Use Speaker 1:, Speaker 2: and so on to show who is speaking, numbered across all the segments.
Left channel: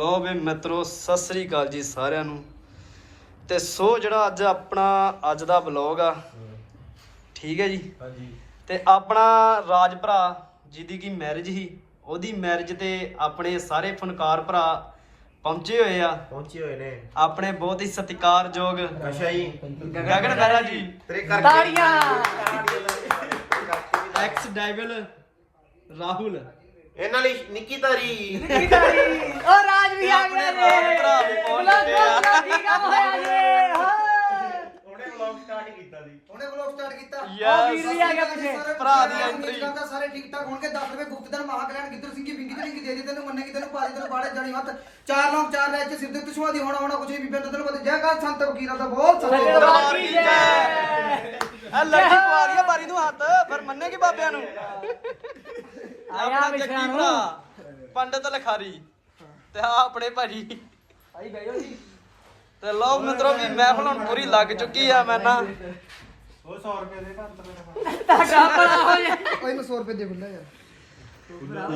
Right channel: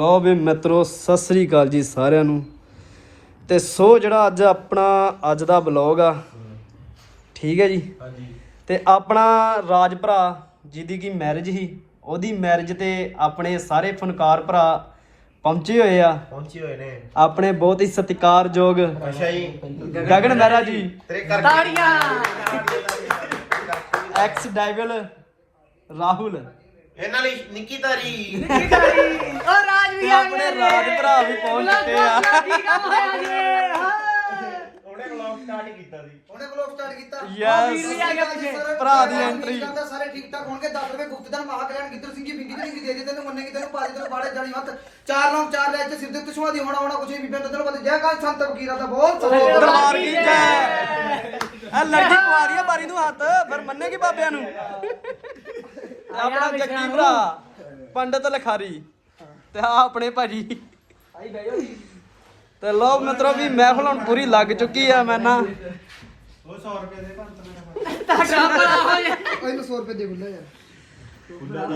Speaker 1: ਲੋ ਵੀ ਮਿੱਤਰੋ ਸਤਿ ਸ੍ਰੀ ਅਕਾਲ ਜੀ ਸਾਰਿਆਂ ਨੂੰ। ਤੇ ਸੋ ਜਿਹੜਾ ਅੱਜ ਆਪਣਾ ਅੱਜ ਦਾ ਬਲੌਗ ਆ ਠੀਕ ਹੈ ਜੀ?
Speaker 2: ਹਾਂਜੀ।
Speaker 1: ਤੇ ਆਪਣਾ ਰਾਜ ਭਰਾ ਜਿਹਦੀ ਕੀ ਮੈਰਿਜ ਸੀ ਉਹਦੀ ਮੈਰਿਜ ਤੇ ਆਪਣੇ ਸਾਰੇ ਫਨਕਾਰ ਭਰਾ ਪਹੁੰਚੇ ਹੋਏ ਆ।
Speaker 2: ਪਹੁੰਚੇ ਹੋਏ ਨੇ।
Speaker 1: ਆਪਣੇ ਬਹੁਤ ਹੀ ਸਤਿਕਾਰਯੋਗ
Speaker 2: ਅੱਛਾ ਜੀ।
Speaker 1: ਗਗਨ ਮਹਿਰਾ ਜੀ।
Speaker 2: ਤੇਰੇ ਕਰਕੇ
Speaker 1: ਐਕਸ ਡਾਈਵਲ ਰਾਹੁਲ।
Speaker 2: ਇਹਨਾਂ ਲਈ ਨਿੱਕੀ ਤਾਰੀ।
Speaker 3: ਉਹ ਰਾਜ ਵੀ ਆ
Speaker 1: ਆਪਣੇ ਰਾਜ ਭਰਾ ਵੀ ਪਹੁੰਚ ਚੁੱਕੇ ਆ।
Speaker 2: ਉਹਨੇ ਵਲੌਗ ਸਟਾਰਟ ਕੀਤਾ ਸੀ।
Speaker 4: ਉਹਨੇ ਵਲੌਗ ਸਟਾਰਟ ਕੀਤਾ।
Speaker 1: ਯੈਸ
Speaker 3: ਵੀ ਆ ਗਿਆ ਪਿੱਛੇ।
Speaker 1: ਭਰਾ ਦੀ entry।
Speaker 4: ਕਰਦਾ ਸਾਰੇ ਠੀਕ ਠਾਕ ਹੋਣਗੇ। 10 ਰੁਪਏ ਗੁਪਤ ਦਾ ਮਹਾ ਕਲਿਆਣ ਗਿੱਦੜ ਸਿੰਘ ਜੀ ਬਿੰਗੀ ਤੇ ਬਿੰਗੀ ਦੇ ਦੇ ਤੈਨੂੰ ਮੰਨੇ ਕਿ ਤੈਨੂੰ ਪਾਜੀ ਤੈਨੂੰ ਬਾੜੇ ਜਾਣੀ ਹੱਥ। ਚਾਰ ਲੋਕ ਚਾਰ ਲੈ ਚ ਸਿਰ ਦੇ ਕਿਸ਼ਵਾ ਦੀ ਹੋਣਾ ਹੋਣਾ ਕੁਝ ਵੀ। ਬੀਬੇ ਤੈਨੂੰ ਪਤਾ ਜੈ ਕਾਲ ਸੰਤ ਫਕੀਰਾਂ ਦਾ ਬਹੁਤ ਸੋਹਣਾ
Speaker 1: ਦਰਬਾਰ ਕੀ ਜੈ। ਆ ਲੱਗੀ ਕੁਆਰੀ ਆ ਬਾਰੀ ਨੂੰ ਹੱਥ ਫਿਰ ਮੰਨੇਗੀ ਬਾਬਿਆਂ ਨੂੰ? ਆਪਣਾ ਜੱਗੀ ਭਰਾ ਪੰਡਤ ਲਖਾਰੀ। ਤੇ ਆ ਆਪਣੇ ਭਾਜੀ।
Speaker 3: ਭਾਈ ਬੈਠੋ ਜੀ।
Speaker 1: ਤੇ ਲੋ ਮਿੱਤਰੋ ਵੀ ਮਹਿਫਲ ਹੁਣ ਪੂਰੀ ਲੱਗ ਚੁੱਕੀ ਆ ਮੈਂ ਨਾ।
Speaker 2: ਉਹ 100 ਰੁਪਏ ਦੇ ਘੰਟ
Speaker 3: ਤੁਹਾਡਾ ਭਲਾ ਹੋ ਜਾ
Speaker 4: ਉਹ ਇਹਨੂੰ 100 ਰੁਪਏ ਦੇ ਬੁੱਲਾ ਯਾਰ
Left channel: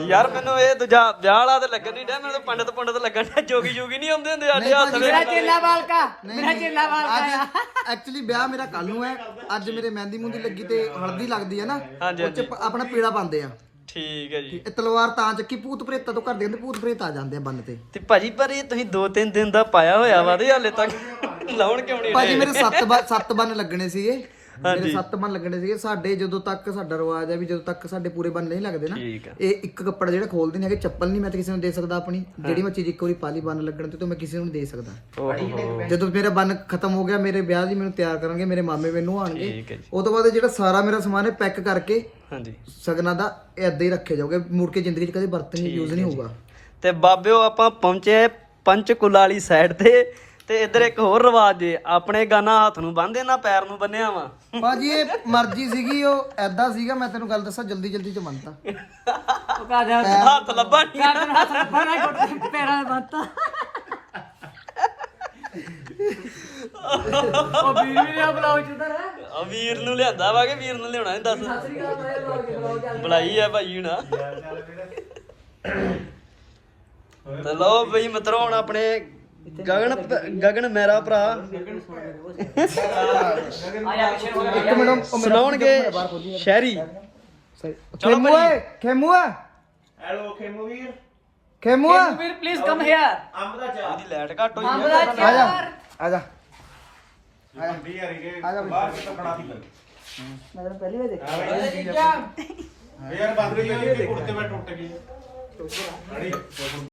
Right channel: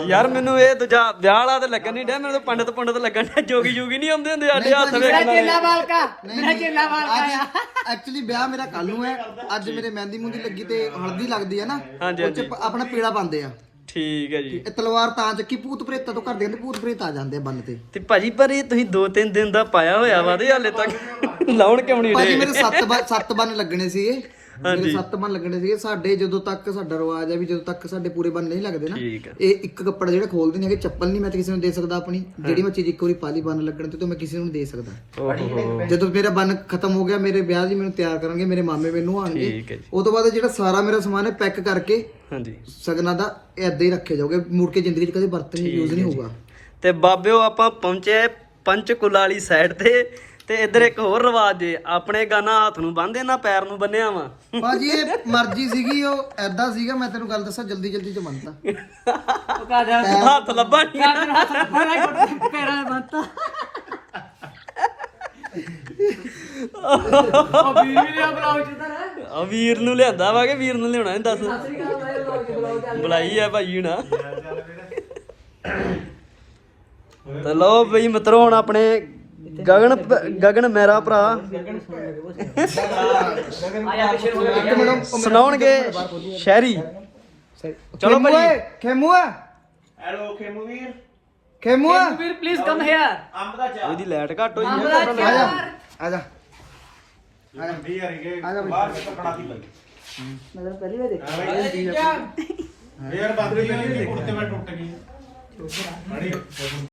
Speaker 1: ਯਾਰ ਮੈਨੂੰ ਇਹ ਦੂਜਾ ਵਿਆਹ ਵਾਲਾ ਤੇ ਲੱਗਣ ਨਹੀਂ ਡਿਆ ਮੈਨੂੰ ਤਾਂ ਪੰਡਤ ਪੰਡਤ ਲੱਗਣ ਡਿਆ ਜੋਗੀ ਜੋਗੀ ਨਹੀਂ ਆਉਂਦੇ ਹੁੰਦੇ ਸਾਡੇ ਹੱਥ
Speaker 3: ਮੇਰਾ
Speaker 1: ਵਿੱਚ।
Speaker 3: ਚੇਲਾ ਬਾਲਕਾ ਮੇਰਾ ਚੇਲਾ ਬਾਲਕਾ।
Speaker 4: ਐਕਚੁਅਲੀ ਵਿਆਹ ਮੇਰਾ ਕੱਲ ਨੂੰ ਹੈ ਅੱਜ ਮੇਰੇ ਮਹਿੰਦੀ ਮੁੰਦੀ ਲੱਗੀ ਤੇ ਹਲਦੀ ਲੱਗਦੀ ਹੈ ਨਾ
Speaker 1: ਹਾਂਜੀ,
Speaker 4: ਉਹ ਚ ਪ- ਆਪਣਾ ਪੀੜਾ ਪਾਉਂਦੇ ਆ।
Speaker 1: ਠੀਕ ਹੈ ਜੀ।
Speaker 4: ਇਹ ਤਲਵਾਰ ਤਾਂ ਚੱਕੀ ਭੂਤ ਪ੍ਰੇਤਾਂ ਤੋਂ ਘਰ ਦੇ ਕਹਿੰਦੇ ਭੂਤ ਪ੍ਰੇਤ ਆ ਜਾਂਦੇ ਆ ਬੰਨ ਤੇ।
Speaker 1: ਤੇ ਭਾਜੀ ਪਰ ਇਹ ਤੁਸੀਂ 2-3 ਦਿਨ ਦਾ ਪਾਇਆ ਹੋਇਆ ਵਾ ਤੇ ਹਾਲੇ ਤੱਕ ਲਾਉਣ ਕਿਉਂ ਨਹੀਂ
Speaker 4: ਭਾਜੀ
Speaker 1: ਰਹੇ?
Speaker 4: ਮੇਰੇ ਸੱਤ ਬੰ- ਸੱਤ ਬੰਨ ਲੱਗਣੇ ਸੀਗੇ। ਮੇਰੇ
Speaker 1: ਹਾਂਜੀ।
Speaker 4: ਸੱਤ ਬੰਨ ਲੱਗਣੇ ਸੀਗੇ। ਸਾਡੇ ਜਦੋਂ ਤੱਕ ਸਾਡਾ ਰਿਵਾਜ ਹੈ ਵੀ ਜਦੋਂ ਤੱਕ ਸਾਡੇ ਪੂਰੇ ਬੰਨ ਨਹੀਂ ਲੱਗਦੇ ਨਾ
Speaker 1: ਠੀਕ ਹੈ।
Speaker 4: ਇਹ ਇੱਕ ਕੱਪੜਾ ਜਿਹੜਾ ਖੋਲਦੇ ਨੇ ਹੈਗੇ ਚੱਪਲ ਨਹੀਂ ਮੈਂ ਤੇ ਕਿਸੇ ਨੂੰ ਦੇ ਸਕਦਾ ਆਪਣੀ। ਜਿਹੜੀ ਮੈਂ ਚੀਜ਼ ਇੱਕ ਵਾਰੀ ਪਾਲੀ ਬੰਨ ਲੱਗਣ ਤੇ ਤਾਂ ਮੈਂ ਕਿਸੇ ਨੂੰ ਦੇ ਸਕਦਾ। ਜਦੋਂ ਮੇਰਾ ਬੰਨ ਖਤਮ ਹੋ ਗਿਆ ਮੇਰੇ ਵਿਆਹ ਦੀ ਮੈਨੂੰ ਤਿਆਰ ਕਰਾਂਗੇ ਮੇਰੇ ਮਾਮੇ ਮੈਨੂੰ ਆਣਗੇ ਉਹ ਤੋਂ ਬਾਅਦ ਜਿਹੜਾ ਸਾਰਾ ਮੇਰਾ ਸਮਾਨ ਹੈ ਪੈਕ ਕਰਕੇ
Speaker 1: ਹਾਂਜੀ।
Speaker 4: ਸਗਨਾਂ ਦਾ ਏਦਾਂ ਹੀ ਰੱਖੇ ਜਾਓਗੇ। ਮੁੜ ਕੇ ਜ਼ਿੰਦਗੀ 'ਚ ਕਦੇ ਬਰਤਨ ਯੂਜ਼ ਨਹੀਂ ਹੋਊਗਾ।
Speaker 1: ਤੇ ਬਾਬਿਓ ਆਪਾਂ ਪਹੁੰਚੇ ਪੰਚਕੁਲਾ ਵਾਲੀ ਸਾਈਡ ਤੇ। ਤੇ ਇੱਧਰ ਇੱਕ ਹੋਰ ਰਿਵਾਜ ਜੇ ਆਪਣੇ ਗਾਨਾ ਹੱਥ ਨੂੰ ਬੰਨਦੇ ਨਾ ਪੈਰ ਨੂੰ ਬੰਨਿਆ ਵਾ।
Speaker 4: ਬਾਜੀ ਇਹ ਮਰਜ਼ੀ ਸੀਗੀ ਉਹ ਐਦਾਂ ਸੀਗਾ ਮੈਂ ਤੈਨੂੰ ਗੱਲ ਦੱਸਾਂ ਜਲਦੀ ਜਲਦੀ ਚ ਮੰਨਤਾ
Speaker 3: ਉਹ
Speaker 1: ਹੱਥ ਲੱਭਾ ਨੀ।
Speaker 3: ਪੈਰਾਂ ਦੇ ਬੰਤਾ ਉਹ ਬੀਵੀ ਦਾ ਬਲਾਉ ਚੁਦਾ ਨਾ
Speaker 1: ਆ ਵੀਰ ਨੂੰ ਲਿਆਂਦਾ ਵਾ ਕਿ ਵੀਰ ਨੂੰ ਲਿਆਉਣਾ ਨਹੀਂ ਦੱਸ।
Speaker 3: ਸਤਰੀ ਕਾਲ ਦਾ ਬਲਾਉ ਚ ਬਲਾਉ ਚੱਲ
Speaker 1: ਬੁਲਾਈ ਆ ਭਾਈ ਨਾ ਤੇ ਲਓ ਬਈ ਮਿੱਤਰੋ ਹੁਣ ਆਪਣੇ ਗਗਨ ਗਗਨ ਮੇਰਾ ਭਰਾ।
Speaker 3: ਹੋ
Speaker 4: ਇੱਕ
Speaker 1: ਸੁਣਾਉਣਗੇ
Speaker 4: ਬਾਹਰ
Speaker 1: ਸ਼ਹਿਰੀ।
Speaker 4: ਚਲੋ ਖੇਮੂ ਓਏ ਖੇਮੂ ਆ
Speaker 2: ਹੈਲੋ ਖੇਮੂ ਵੀਰ।
Speaker 4: ਖੇਮੂ ਆ
Speaker 3: ਵੀਰ ਪਲੀਜ਼ ਕਮ ਹੇਅਰ
Speaker 2: ਅੰਬ ਦਾ ਚਾਹ।
Speaker 1: ਇਹਦੀ ਲਾਈਟ ਘੱਟ ਹੋਈ
Speaker 4: ਆ ਜਾ। ਆ ਜਾ।
Speaker 2: ਹੁੰਦੀ ਯਾਰ ਇਹ ਬਾਹਰ ਕੇ ਕੱਪੜਾ ਦੀ ਬੰਦੀ
Speaker 3: ਮੈਂ ਤਾਂ ਪਹਿਲੀ ਵਾਰ ਦੇਖਿਆ।
Speaker 2: ਫੇਰ ਬੰਦ ਹੋਈ ਕੁੜਤੇ ਮੈਂ ਟੁੱਟ ਗਈ